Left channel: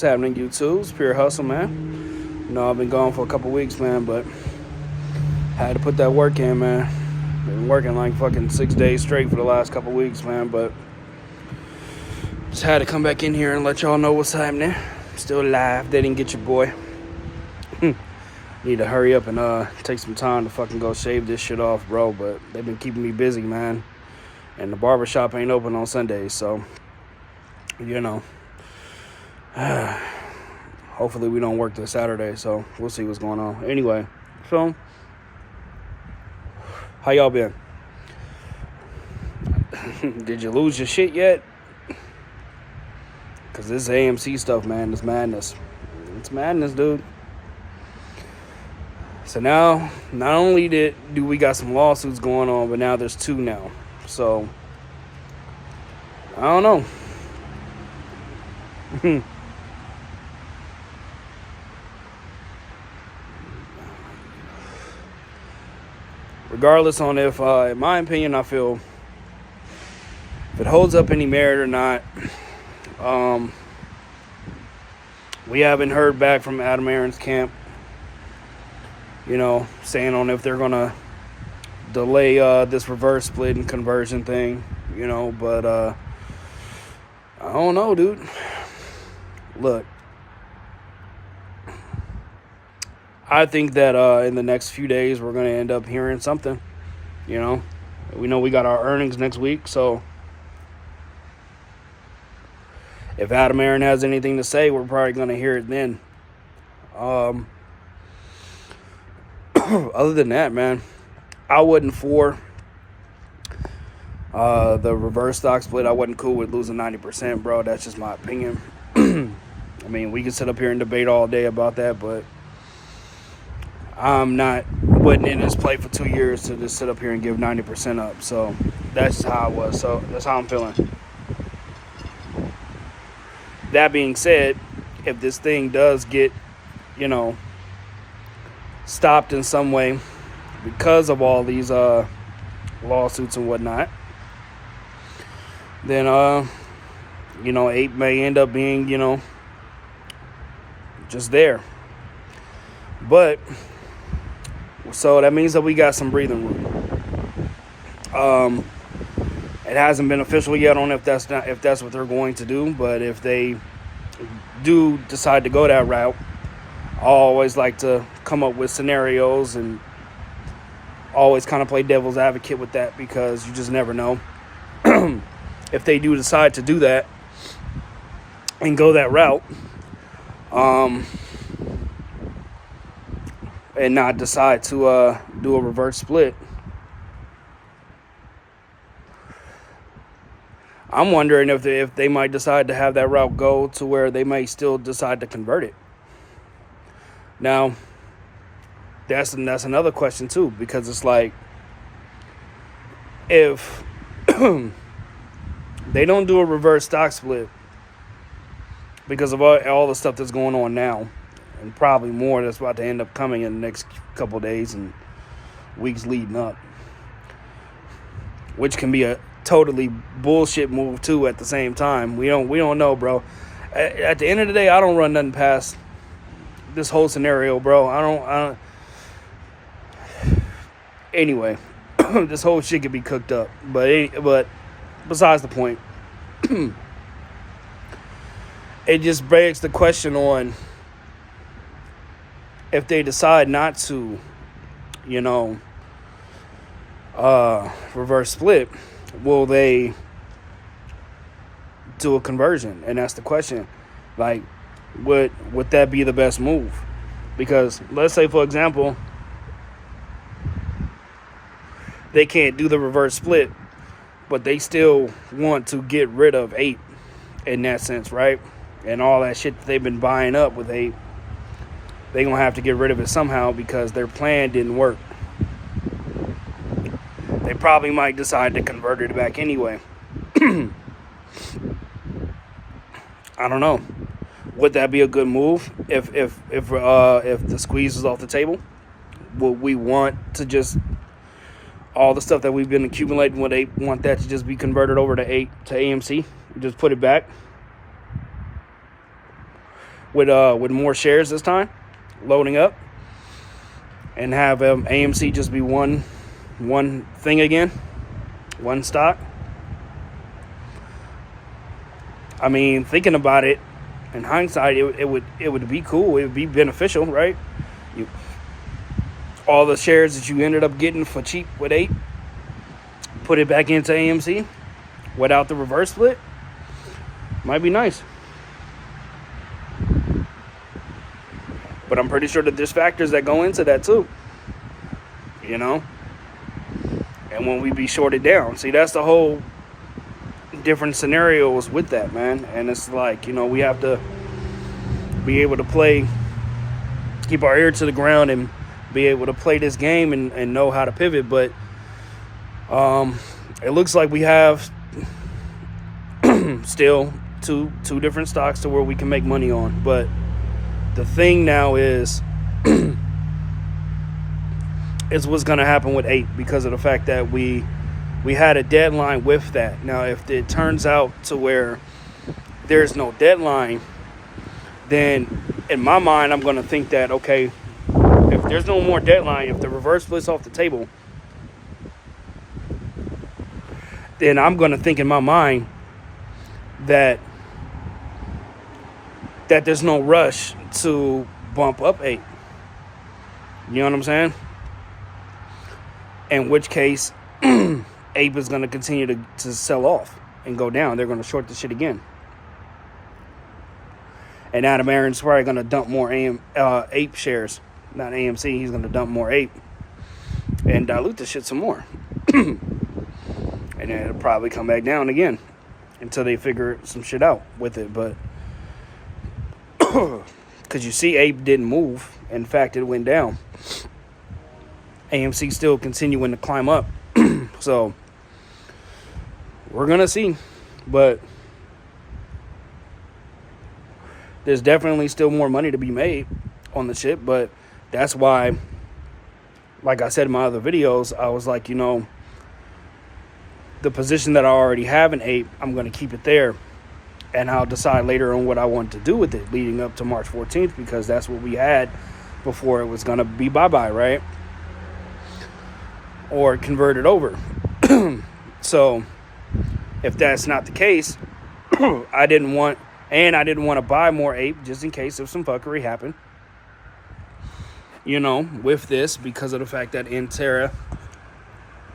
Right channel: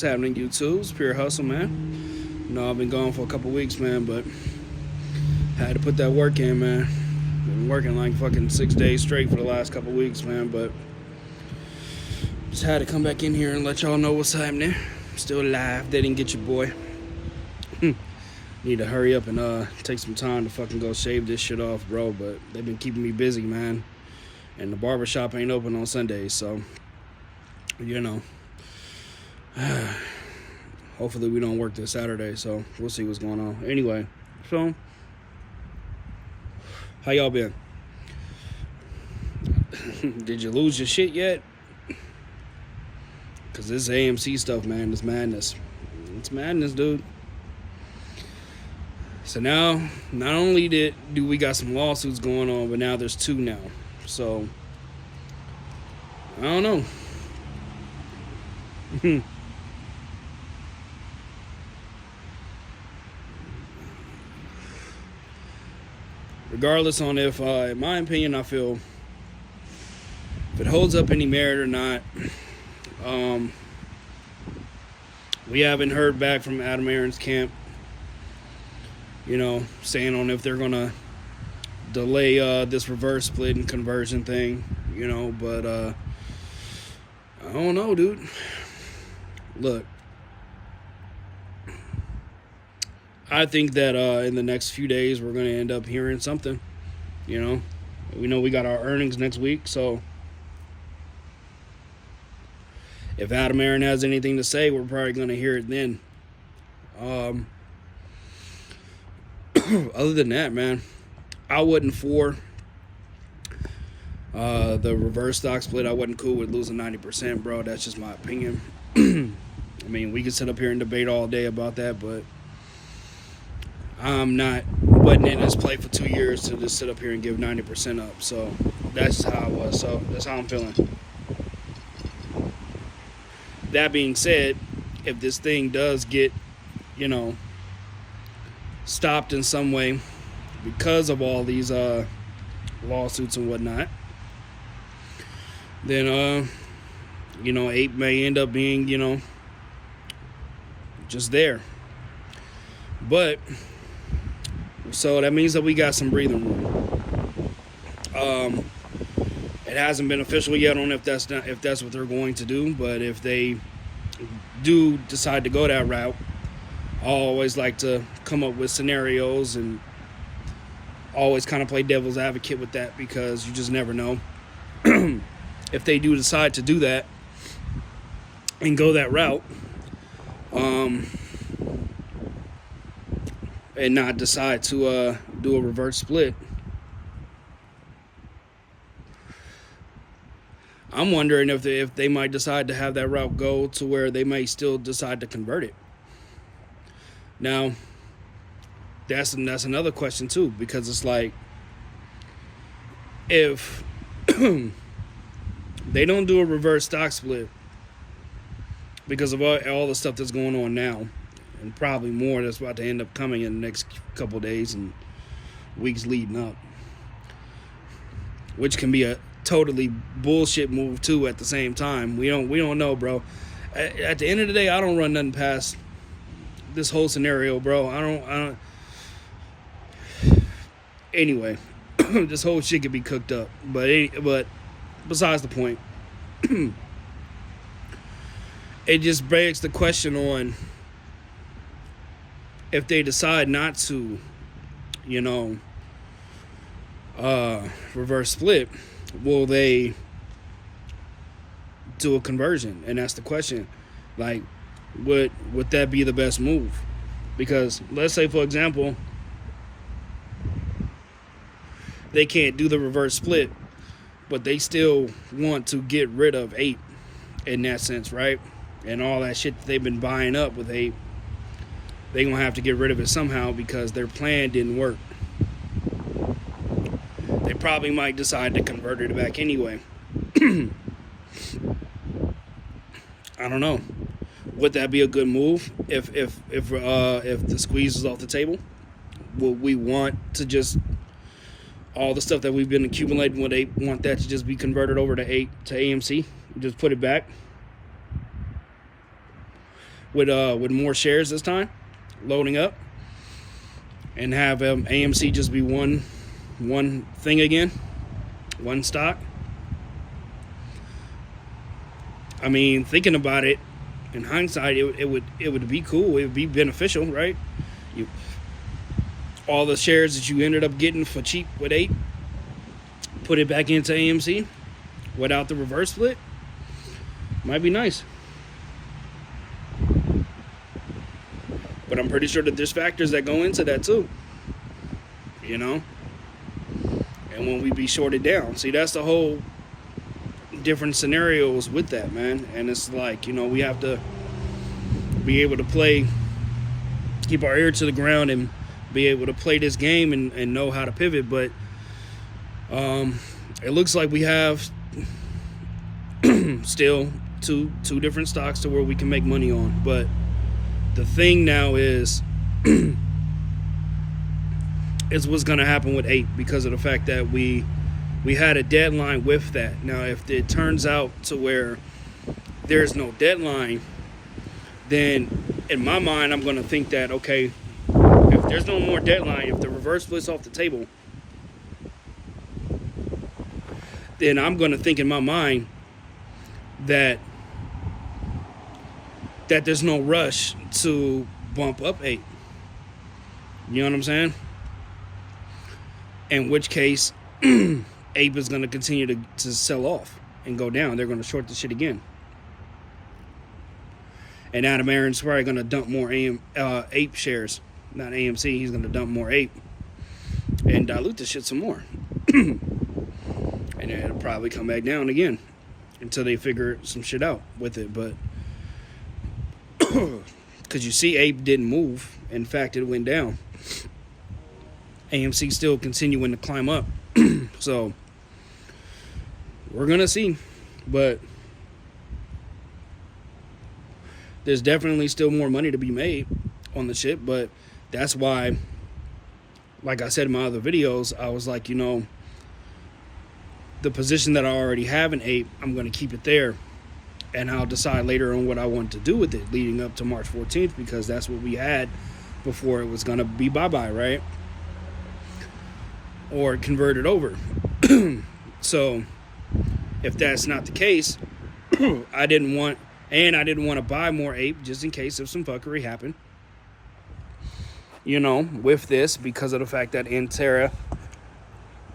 What's happening, YouTube? It's Pure Hustle, man. You know, I've been gone for a couple weeks, man, but had to put that work in, man. Been working like fucking 6 days straight for the last couple weeks, man, but just had to come back in here and let y'all know what's happening. Still alive. They didn't get your boy. Need to hurry up and take some time to fucking go shave this shit off, bro, but they've been keeping me busy, man. And the barbershop ain't open on Sundays, so, you know. Hopefully we don't work this Saturday, so we'll see what's going on. Anyway, so how y'all been? Did you lose your shit yet? Because this AMC stuff, man, is madness. It's madness, dude. So now, not only do we got some lawsuits going on, but now there's two now. So, I don't know. Regardless on if, in my opinion, I feel if it holds up any merit or not. We haven't heard back from Adam Aron's camp, you know, saying on if they're going to delay this reverse split and conversion thing, you know, but I don't know, dude. Look, I think that in the next few days we're going to end up hearing something, you know. We know we got our earnings next week, so if Adam Aron has anything to say, we're probably going to hear it then. Other than that, man, I wasn't for the reverse stock split. I wasn't cool with losing 90%, bro. That's just my opinion. I mean, we can sit up here and debate all day about that, but wasn't in this play for 2 years to just sit up here and give 90% up. So that's just how I was. So that's how I'm feeling. That being said, if this thing does get, you know, stopped in some way because of all these lawsuits and whatnot, then you know, APE may end up being, you know, just there. But so that means that we got some breathing room. It hasn't been official yet on if that's what they're going to do, but if they do decide to go that route, I always like to come up with scenarios and always kind of play devil's advocate with that, because you just never know. If they do decide to do that and go that route, and not decide to do a reverse split, I'm wondering if they might decide to have that route go to where they may still decide to convert it. Now, that's another question too, because it's like, if they don't do a reverse stock split because of all the stuff that's going on now, and probably more that's about to end up coming in the next couple of days and weeks leading up, which can be a totally bullshit move too at the same time. We don't know, bro. At the end of the day, I don't run nothing past this whole scenario, bro. I don't anyway. This whole shit could be cooked up, but besides the point, it just begs the question on if they decide not to, you know, reverse split, will they do a conversion? And that's the question. Like, would that be the best move? Because let's say, for example, they can't do the reverse split, but they still want to get rid of APE in that sense, right? And all that shit that they've been buying up with APE, they're going to have to get rid of it somehow because their plan didn't work. They probably might decide to convert it back anyway. I don't know. Would that be a good move if the squeeze is off the table? Would we want to just all the stuff that we've been accumulating with APE, want that to just be converted over to AMC? Just put it back? with more shares this time, loading up, and have AMC just be one thing again, one stock. I mean, thinking about it in hindsight, it would be cool. It would be beneficial, right? All the shares that you ended up getting for cheap with APE, put it back into AMC without the reverse split. Might be nice. But I'm pretty sure that there's factors that go into that too. You know? And when we be shorted down. See, that's the whole different scenarios with that, man. And it's like, you know, we have to be able to play, keep our ear to the ground and be able to play this game and know how to pivot. But it looks like we have still two different stocks to where we can make money on. But the thing now is what's going to happen with APE, because of the fact that we had a deadline with that. Now, if it turns out to where there's no deadline, then in my mind, I'm going to think that, okay, if there's no more deadline, if the reverse split's off the table, then I'm going to think in my mind that there's no rush to bump up APE. You know what I'm saying? In which case, APE is going to continue to sell off and go down. They're going to short the shit again. And Adam Aron's probably going to dump more APE shares. Not AMC. He's going to dump more APE and dilute the shit some more. And then it'll probably come back down again until they figure some shit out with it. But because you see, APE didn't move. In fact, it went down. AMC still continuing to climb up. So we're going to see. But there's definitely still more money to be made on the shit. But that's why, like I said in my other videos, I was like, you know, the position that I already have in APE, I'm going to keep it there. And I'll decide later on what I want to do with it leading up to March 14th, because that's what we had before it was going to be bye-bye, right? Or converted over. So if that's not the case, I didn't want to buy more APE just in case if some fuckery happened, you know, with this, because of the fact that Intera,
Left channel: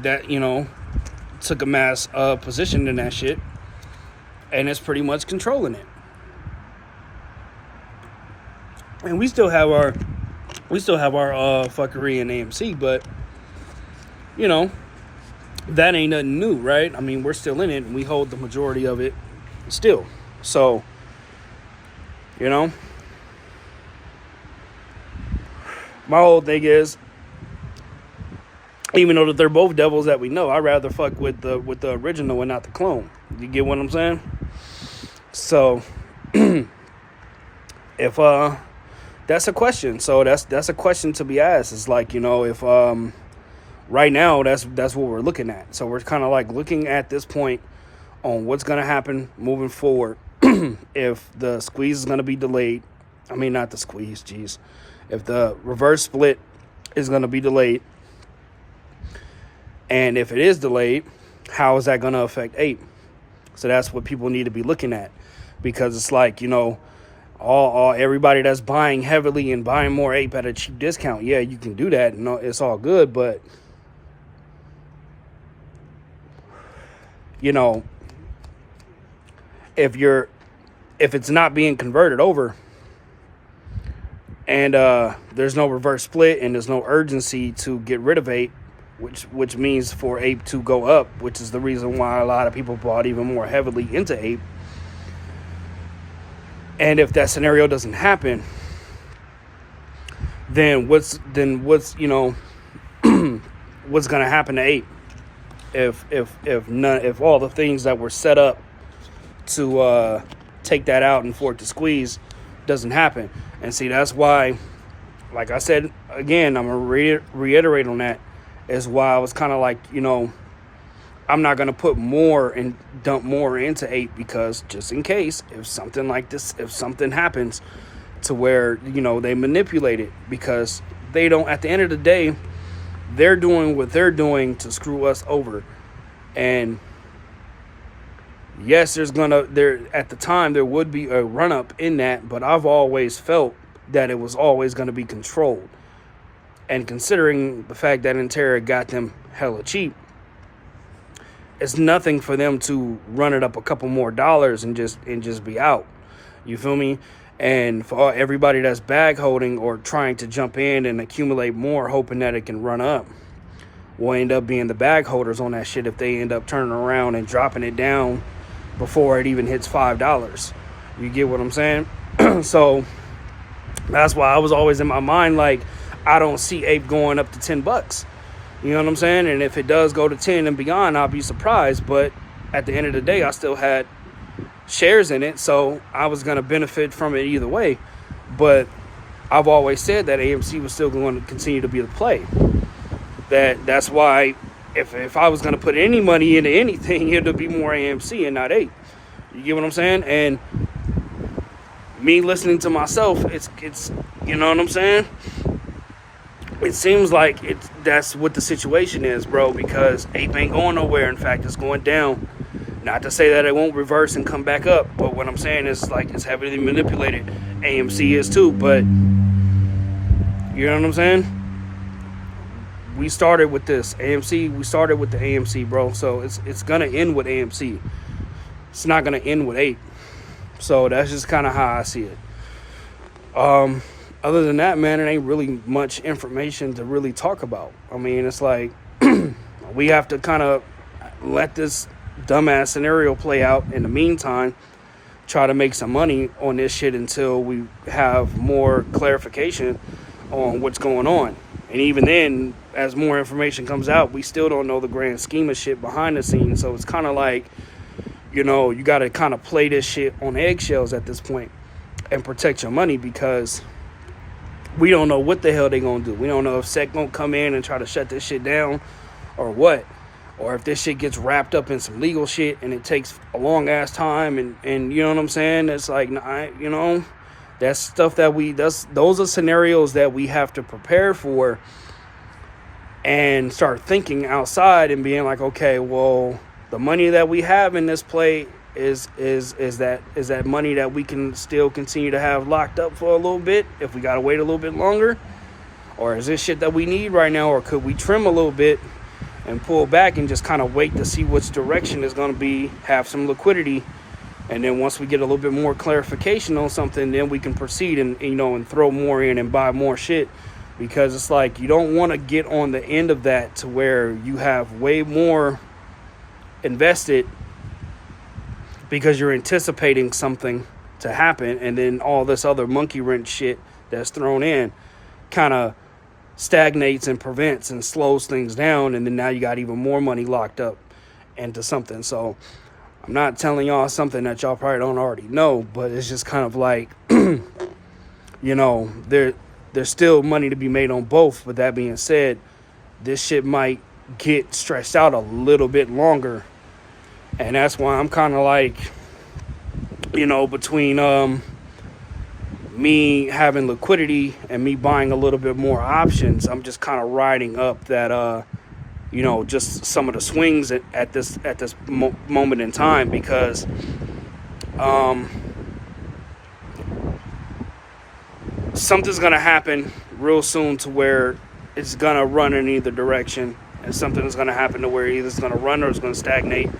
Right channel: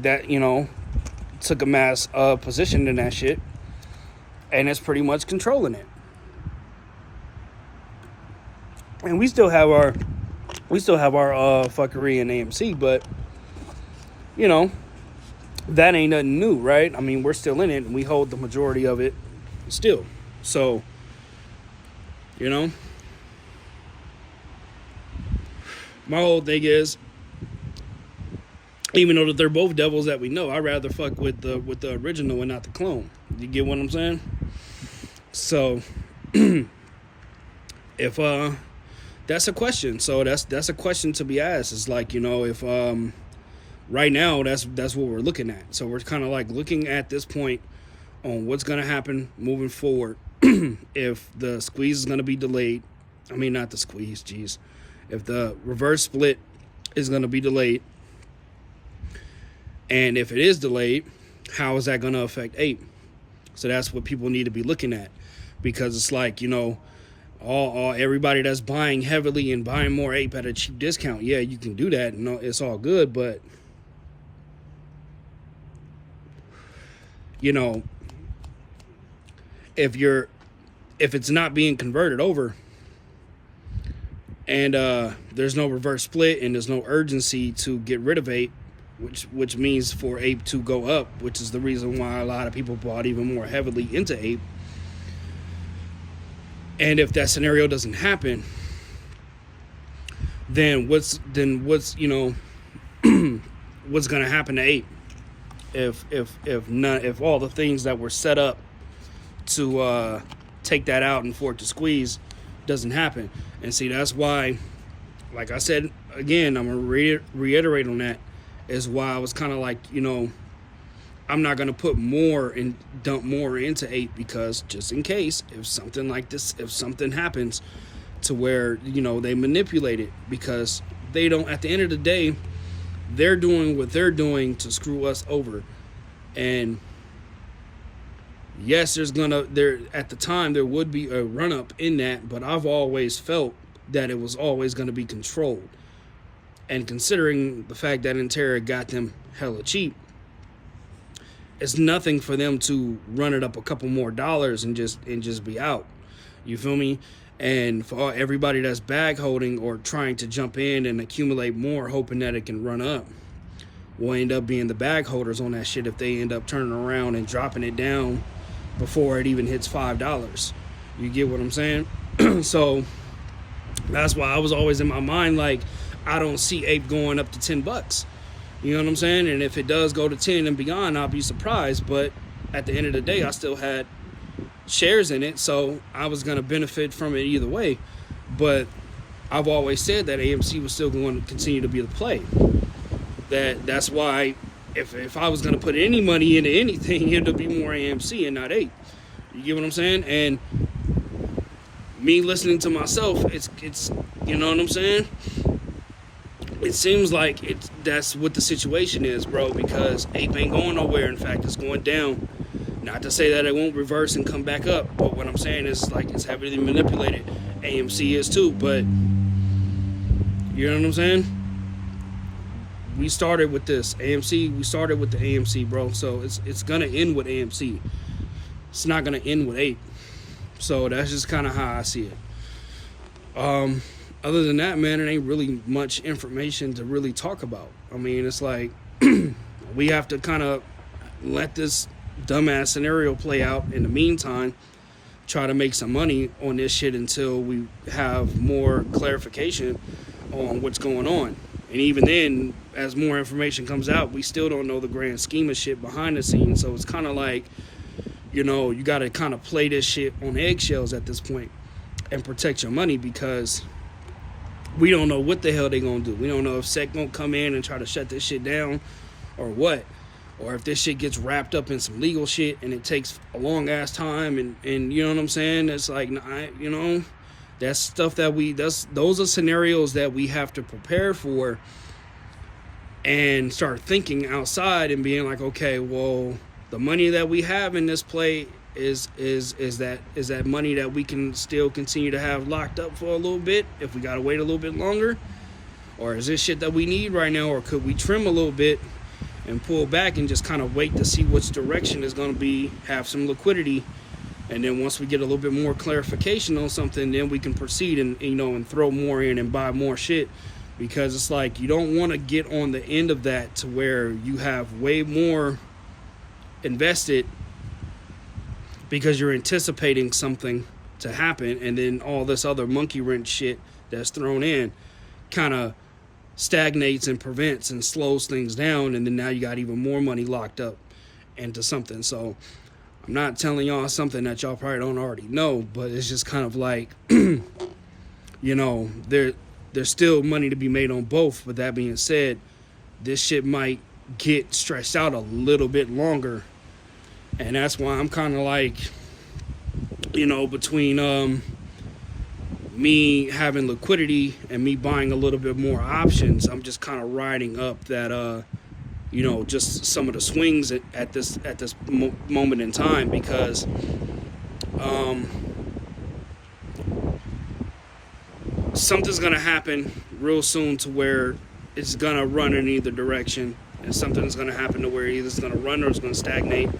that, you know, took a mass position in that shit and it's pretty much controlling it. And we still have our fuckery in AMC, but you know, that ain't nothing new, right? I mean, we're still in it and we hold the majority of it still. So, you know, my whole thing is, even though that they're both devils that we know, I'd rather fuck with the original and not the clone. You get what I'm saying? So, if that's a question. So that's a question to be asked. It's like, you know, if right now that's what we're looking at. So we're kind of like looking at this point on what's going to happen moving forward. If the squeeze is going to be delayed, I mean, not the squeeze, geez. If the reverse split is going to be delayed, and if it is delayed, how is that going to affect APE? So that's what people need to be looking at, because it's like, you know, all everybody that's buying heavily and buying more APE at a cheap discount, yeah, you can do that. No, it's all good, but you know, if it's not being converted over and there's no reverse split and there's no urgency to get rid of APE, which means for APE to go up, which is the reason why a lot of people bought even more heavily into APE. And if that scenario doesn't happen, then what's you know, what's going to happen to APE if all the things that were set up to take that out and for it to squeeze doesn't happen? And see, that's why, like I said again, I'm gonna reiterate on that, is why I was kind of like, you know, I'm not going to put more and dump more into APE, because just in case, if something like this, if something happens to where, you know, they manipulate it, because they don't, at the end of the day, they're doing what they're doing to screw us over. And yes, there at the time there would be a run up in that, but I've always felt that it was always going to be controlled. And considering the fact that Intera got them hella cheap, it's nothing for them to run it up a couple more dollars and just be out. You feel me? And for everybody that's bag holding or trying to jump in and accumulate more, hoping that it can run up, will end up being the bag holders on that shit if they end up turning around and dropping it down before it even hits $5. You get what I'm saying? So that's why I was always in my mind, like, I don't see Ape going up to $10. You know what I'm saying? And if it does go to 10 and beyond, I'll be surprised. But at the end of the day, I still had shares in it, so I was going to benefit from it either way. But I've always said that AMC was still going to continue to be the play. That's why if I was going to put any money into anything, it would be more AMC and not Ape. You get what I'm saying? And me listening to myself, it's you know what I'm saying? It seems like that's what the situation is, bro, because Ape ain't going nowhere. In fact, it's going down. Not to say that it won't reverse and come back up, but what I'm saying is, like, it's heavily manipulated. AMC is too, but you know what I'm saying? We started with this AMC. We started with the AMC, bro. So it's gonna end with AMC. It's not gonna end with Ape. So that's just kind of how I see it. Other than that, man, it ain't really much information to really talk about. I mean, it's like we have to kind of let this dumbass scenario play out in the meantime, try to make some money on this shit until we have more clarification on what's going on. And even then, as more information comes out, we still don't know the grand scheme of shit behind the scenes. So it's kind of like, you know, you got to kind of play this shit on eggshells at this point and protect your money, because we don't know what the hell they gonna do. We don't know if SEC gonna come in and try to shut this shit down or what. Or if this shit gets wrapped up in some legal shit and it takes a long ass time, and you know what I'm saying? It's like, you know, that's stuff that those are scenarios that we have to prepare for and start thinking outside and being like, okay, well, the money that we have in this play is that money that we can still continue to have locked up for a little bit if we gotta wait a little bit longer? Or is this shit that we need right now? Or could we trim a little bit and pull back and just kind of wait to see which direction is going to be, have some liquidity, and then once we get a little bit more clarification on something, then we can proceed and, you know, and throw more in and buy more shit. Because it's like, you don't want to get on the end of that to where you have way more invested because you're anticipating something to happen, and then all this other monkey wrench shit that's thrown in kind of stagnates and prevents and slows things down, and then now you got even more money locked up into something. So I'm not telling y'all something that y'all probably don't already know, but it's just kind of like, you know, there's still money to be made on both. But that being said, this shit might get stretched out a little bit longer, and that's why I'm kind of like, you know, between me having liquidity and me buying a little bit more options, I'm just kind of riding up that, you know, just some of the swings at this moment in time, because something's gonna happen real soon to where it's gonna run in either direction, and something's gonna happen to where either it's gonna run or it's gonna stagnate,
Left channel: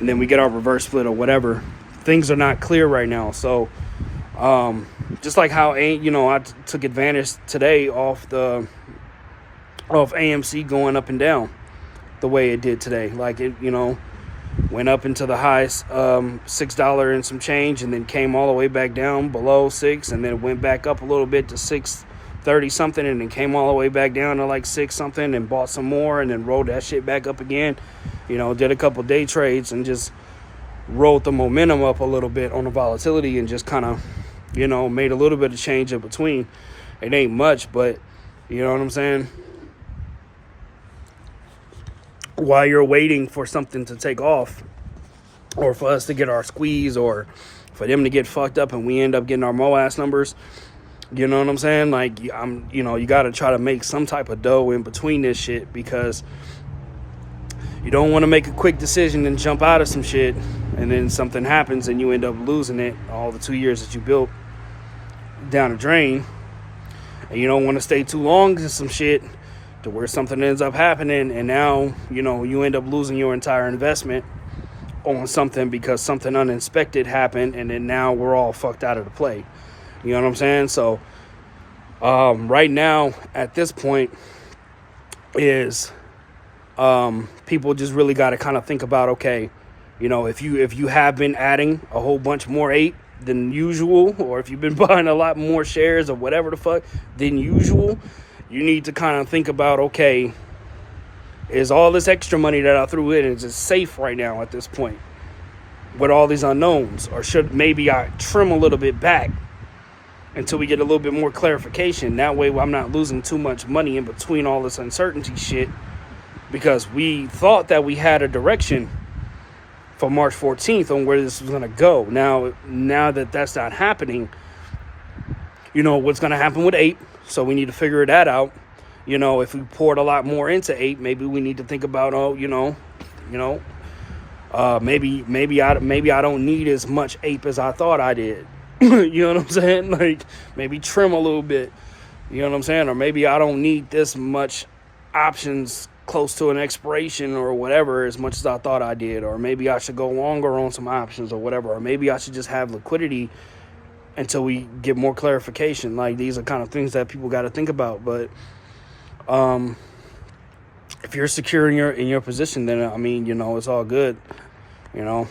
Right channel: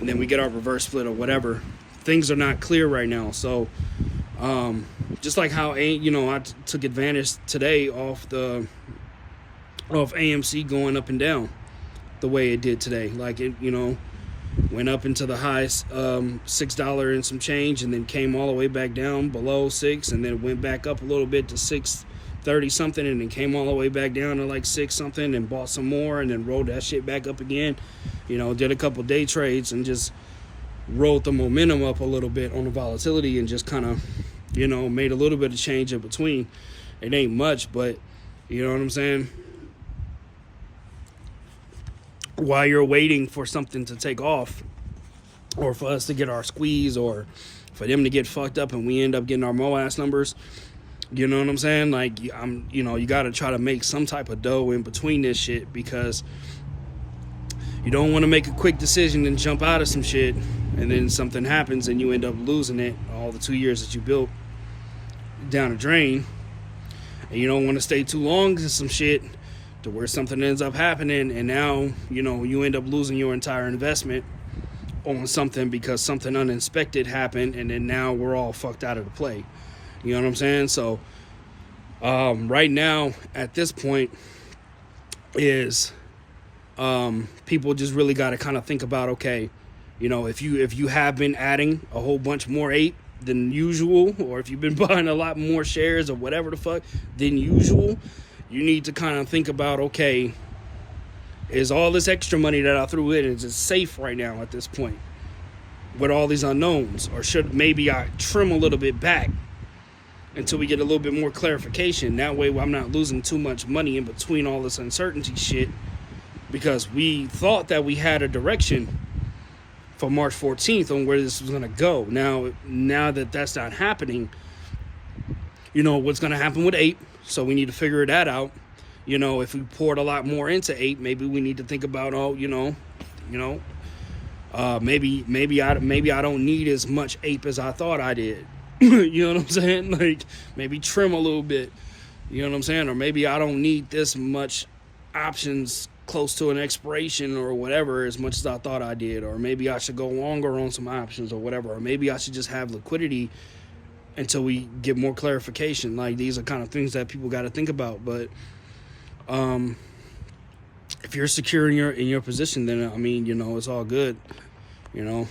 and then we get our reverse split or whatever. Things are not clear right now. So just like how, you know, I took advantage today of AMC going up and down the way it did today. Like, it, you know, went up into the highest $6 and some change, and then came all the way back down below $6, and then it went back up a little bit to $6.30 something, and then came all the way back down to like $6 something, and bought some more, and then rolled that shit back up again. You know, did a couple day trades and just rolled the momentum up a little bit on the volatility, and just kind of, you know, made a little bit of change in between. It ain't much, but you know what I'm saying? While you're waiting for something to take off, or for us to get our squeeze, or for them to get fucked up and we end up getting our MOAS numbers. You know what I'm saying? Like, you got to try to make some type of dough in between this shit, because you don't want to make a quick decision and jump out of some shit and then something happens and you end up losing it, all the 2 years that you built, down the drain. And you don't want to stay too long in some shit to where something ends up happening and now, you end up losing your entire investment on something because something unexpected happened, and then now we're all fucked out of the play. You know what I'm saying? So right now at this point is people just really got to kind of think about, okay, if you have been adding a whole bunch more 8 than usual, or if you've been buying a lot more shares or whatever the fuck than usual, you need to kind of think about, okay, is all this extra money that I threw in, is it safe right now at this point with all these unknowns? Or should maybe I trim a little bit back until we get a little bit more clarification? That way I'm not losing too much money in between all this uncertainty shit, because we thought that we had a direction for March 14th on where this was going to go. Now that that's not happening, what's going to happen with 8. So we need to figure that out. If we poured a lot more into 8, maybe we need to think about, maybe I don't need as much ape as I thought I did. You know what I'm saying? Like, maybe trim a little bit. You know what I'm saying? Or maybe I don't need this much options close to an expiration or whatever as much as I thought I did. Or maybe I should go longer on some options or whatever. Or maybe I should just have liquidity until we get more clarification. Like, these are kind of things that people got to think about. But if you're secure in your position, then it's all good. I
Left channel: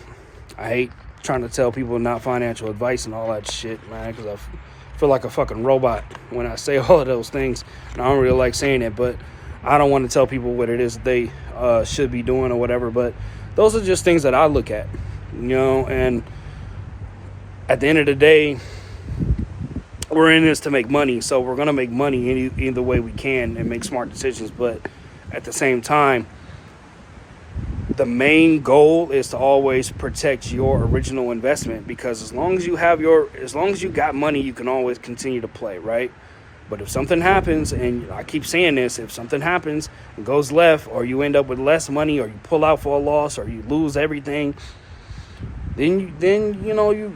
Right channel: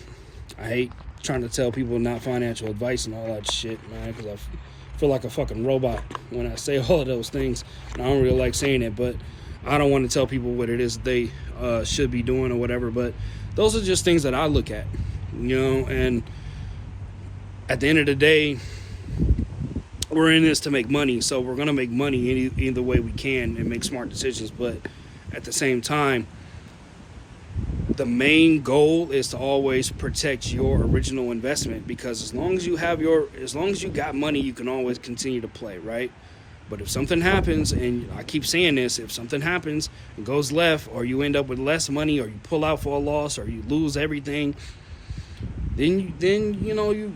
hate trying to tell people not financial advice and all that shit, man, because I feel like a fucking robot when I say all of those things. And I don't really like saying it, but I don't want to tell people what it is they should be doing or whatever. But those are just things that I look at, and at the end of the day, we're in this to make money, so we're going to make money either way we can and make smart decisions. But at the same time, the main goal is to always protect your original investment, because as long as you got money, you can always continue to play, right? But if something happens, and I keep saying this, if something happens and goes left, or you end up with less money, or you pull out for a loss, or you lose everything, then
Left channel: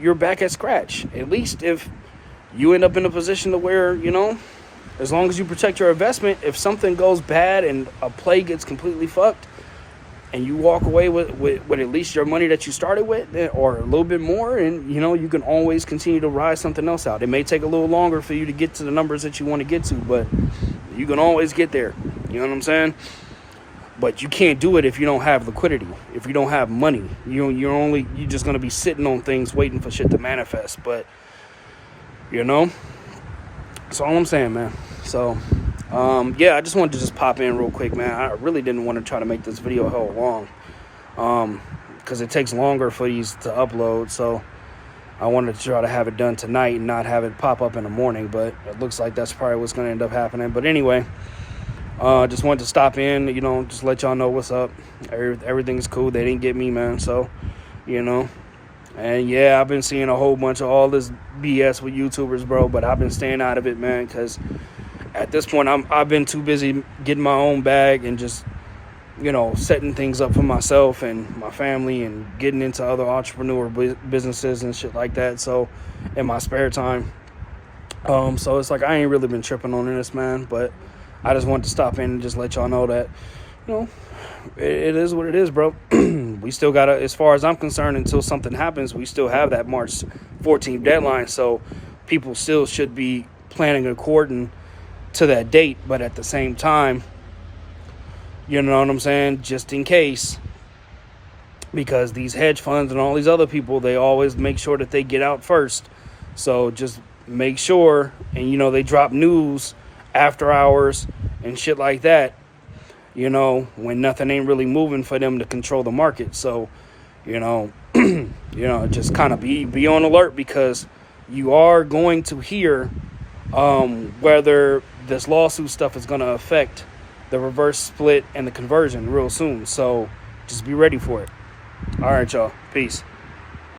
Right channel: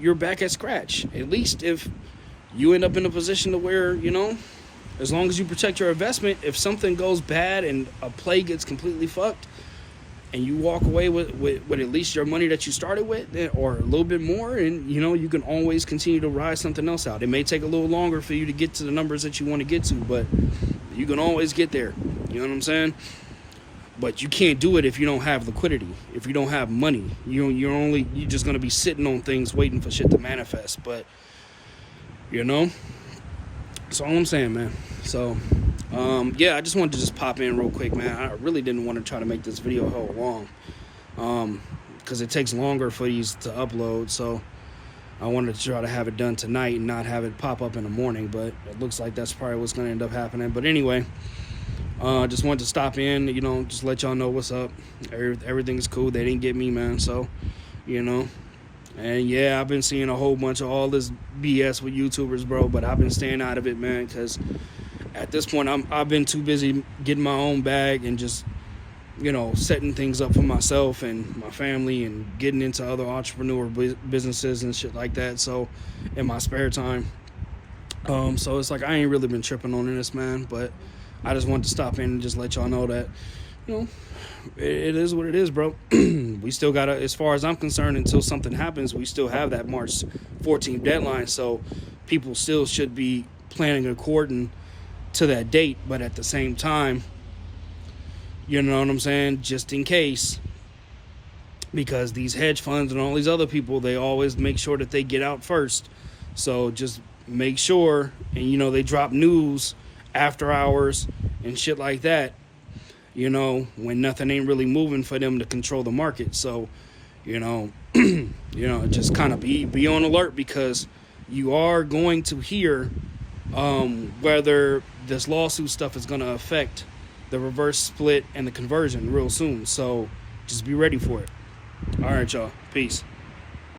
you're back at scratch. At least if you end up in a position to where, as long as you protect your investment, if something goes bad and a play gets completely fucked, and you walk away with at least your money that you started with, or a little bit more, and you can always continue to ride something else out. It may take a little longer for you to get to the numbers that you want to get to, but you can always get there. You know what I'm saying? But you can't do it if you don't have liquidity, if you don't have money. You're just gonna be sitting on things waiting for shit to manifest. But that's all I'm saying, man. So I just wanted to just pop in real quick, man. I really didn't want to try to make this video hell long, because it takes longer for these to upload. So I wanted to try to have it done tonight and not have it pop up in the morning, but it looks like that's probably what's going to end up happening. But anyway, just wanted to stop in, just let y'all know what's up. Everything's cool. They didn't get me, man. So, and yeah, I've been seeing a whole bunch of all this BS with YouTubers, bro, but I've been staying out of it, man, because at this point, I've been too busy getting my own bag and just, setting things up for myself and my family and getting into other entrepreneur businesses and shit like that. So, in my spare time. So it's like I ain't really been tripping on this, man. But I just wanted to stop in and just let y'all know that, it is what it is, bro. We still gotta, as far as I'm concerned, until something happens, we still have that March 14th deadline. So people still should be planning according to that date. But at the same time, you know what I'm saying, just in case, because these hedge funds and all these other people, they always make sure that they get out first. So just make sure, and they drop news after hours and shit like that, when nothing ain't really moving for them to control the market. So just kind of be on alert, because you are going to hear whether this lawsuit stuff is going to affect the reverse split and the conversion real soon. So just be ready for it. All right, y'all. Peace.